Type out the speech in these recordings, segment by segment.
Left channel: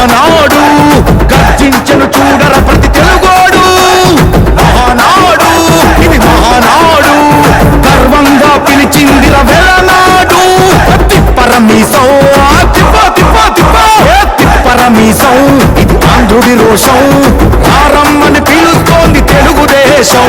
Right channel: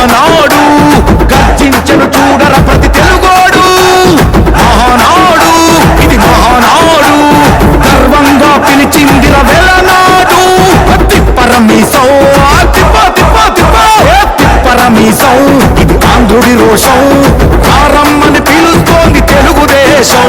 ఆనాడు గర్జించను చూడర ప్రతి తెలుగోడు. ఆనాడు ఇది మహానాడు గర్వంగా పిలిచిందిర వెలనాడు తిప్పరమీసం తిప్ప తిప్ప తిప్ప. తిప్పరమీసం ఇది ఆంధ్రుడి రోషం. రారమ్మని పిలుస్తోంది తెలుగుదేశం.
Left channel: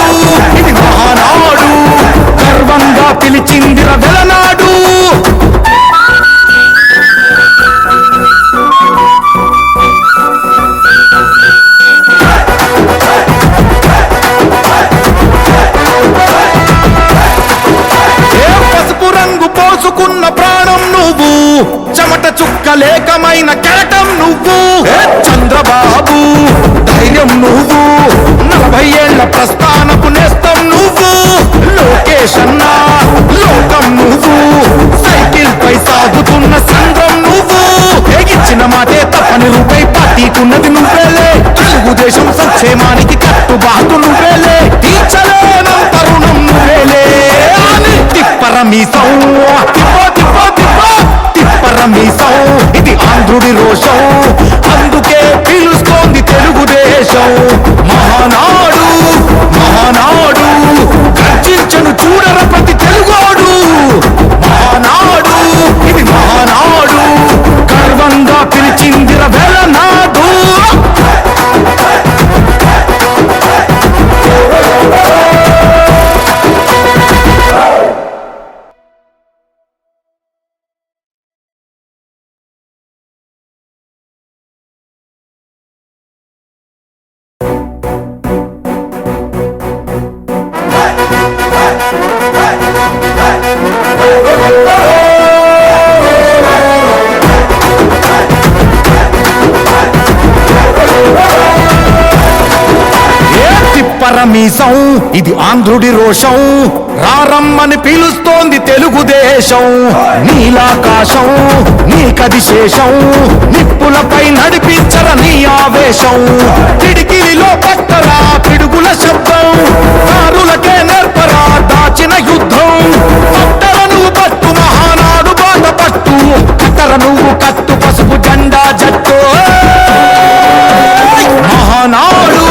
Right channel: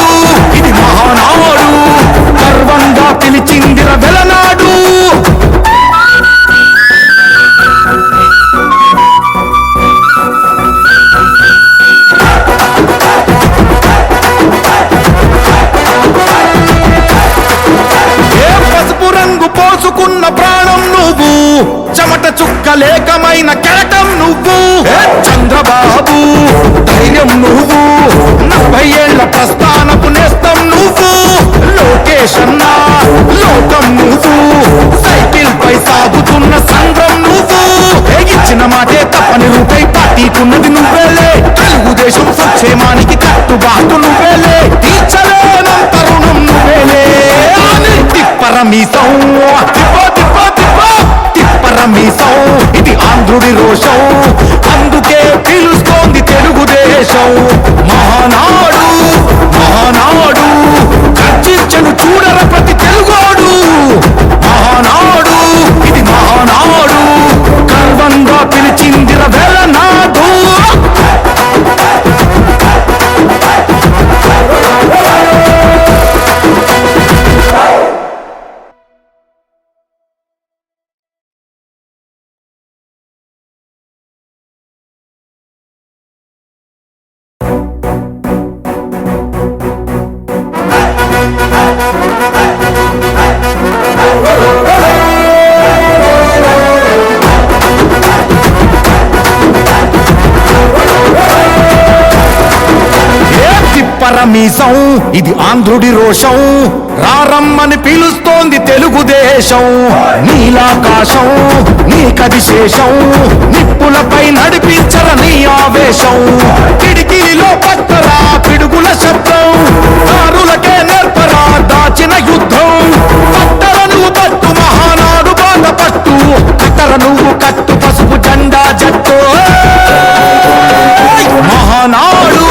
గర్వంగా పిలిచిందిర వెలనాడు. పసుపు రంగు పోసుకున్న ప్రాణం నువ్వు? చెమట చుక్క లేకమైన కెరటం నువ్వు? చంద్రబాబు ధైర్యం నువ్వు? నలభై ఏళ్ళ ప్రస్థానపు నేస్తం నువ్వు? లోకేష్ అన్నా లోకం నువ్వు. సైకిల్ పై సాగుతున్న సంద్రం నువ్వు. ఇచ్చిన మాటే తప్పని రూపై పార్టీకున్నది నువ్వేలే. తెలుగుదేశం సంక్షేమానికి కట్టుబాటు నువ్వేలే. తీర్చలేనం తరుణం నువ్వేలే. అని తిప్పరమీసం తిప్ప తిప్ప తిప్ప. తిప్పరమీసం ఇది ఆంధ్రుడి రోషం. అందుకే పిలుస్తోంది తెలుగుదేశం. మహానాడు మహానాడు. నన్ను చూడర ప్రతి తెలుగోడు. మహానాడు ఇది మహానాడు. గర్వంగా పిలిచిందిర వెలనాడు ఏ తిప్పరమీసం ఇది ఆంధ్రుడి రోషం. రారమ్మని పిలుస్తోంది తెలుగుదేశం. నీలాకాశం నీకది శేషం. నిప్పులపై నడిపించర నీ ఆవేశం. తిడికిలిలో పట్టరా పిడుగుల శబ్దం. దారులకే నేర్పరా దాచిన యుద్ధం. పట్టర నువ్వు పట్టు మహానాడు బాట పట్టు. కట్టర నువ్వు కట్టు పసుపు జెండా జట్టు. మహానాడు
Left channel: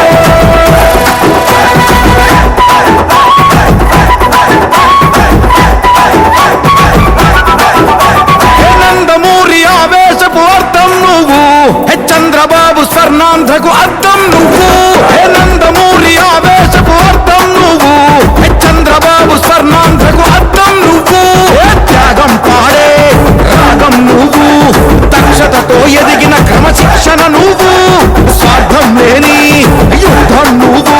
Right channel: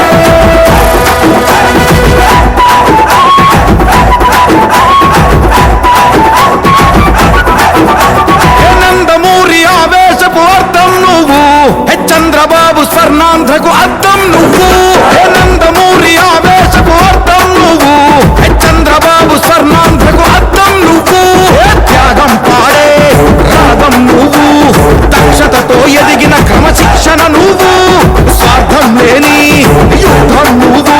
ఆంధ్రకు అర్థం నువ్వు. హే నందమూరి ఆవేశపు అర్థం నువ్వు. హే చంద్రబాబు స్వర్ణాంధ్రకు అర్థం నువ్వు. హే త్యాగం పాడే రాగం నువ్వు. దక్షతతో ఎదిగిన క్రమశిక్షణ నువ్వు. స్వార్థం లేని యుద్ధం నువ్వు.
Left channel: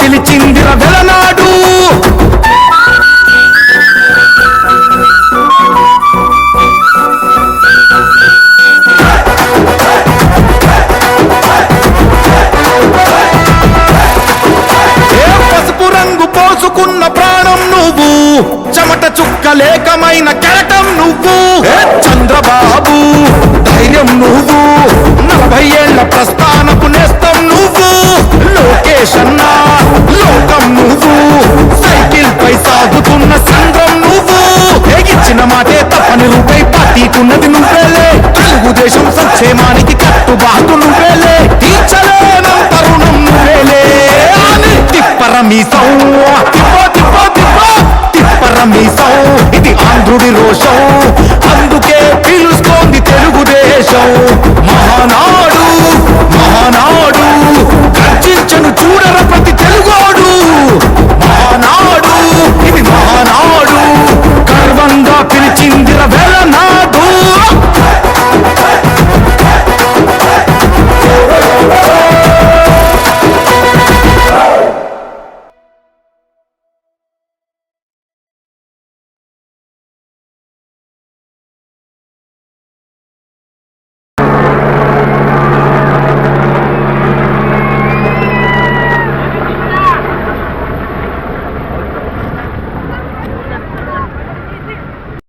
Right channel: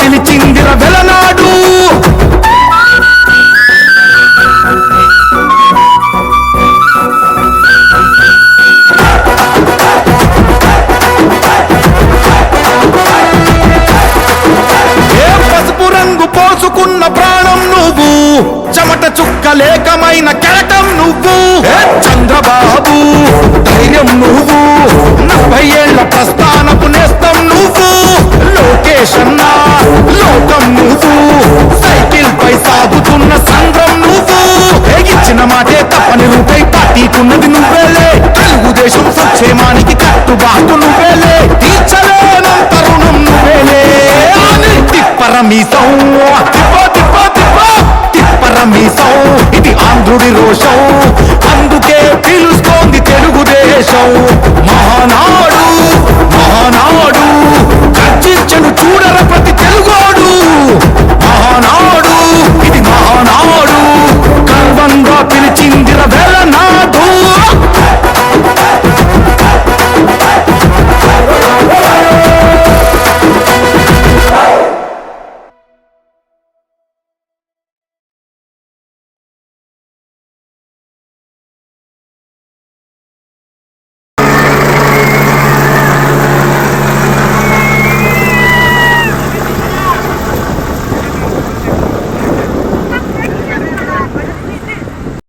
పిలిచిందిర వెలనాడు. ఏ పసుపు రంగు పోసుకున్న ప్రాణం నువ్వు? చెమట చుక్క లేకమైన కెరటం నువ్వు? ఏ చంద్రబాబు ధైర్యం నువ్వు? నలభై ఏళ్ళ ప్రస్థానపు నేస్తం నువ్వు. లోకేష్ అన్నా లోకం నువ్వు. సైకిల్ పై సాగుతున్న సంద్రం నువ్వు. ఇచ్చిన మాటే తప్పని రూపై పార్టీకున్నది నువ్వేలే. తెలుగుదేశం సంక్షేమానికి కట్టుబాటు నువ్వేలే. తీర్చలేనం తరుణం నువ్వేలే. అని తిప్పరమీసం. తిప్ప తిప్ప తిప్ప. తిప్పరమీసం. ఇది ఆంధ్రుడి రోషం. అందుకే పిలుస్తోంది దేశం మహానాడు మహానాడు గర్జించను చూడర ప్రతి తెలుగోడు. మహానాడు ఇది మహానాడు గర్వంగా పిలిచిందిర వెలనాడు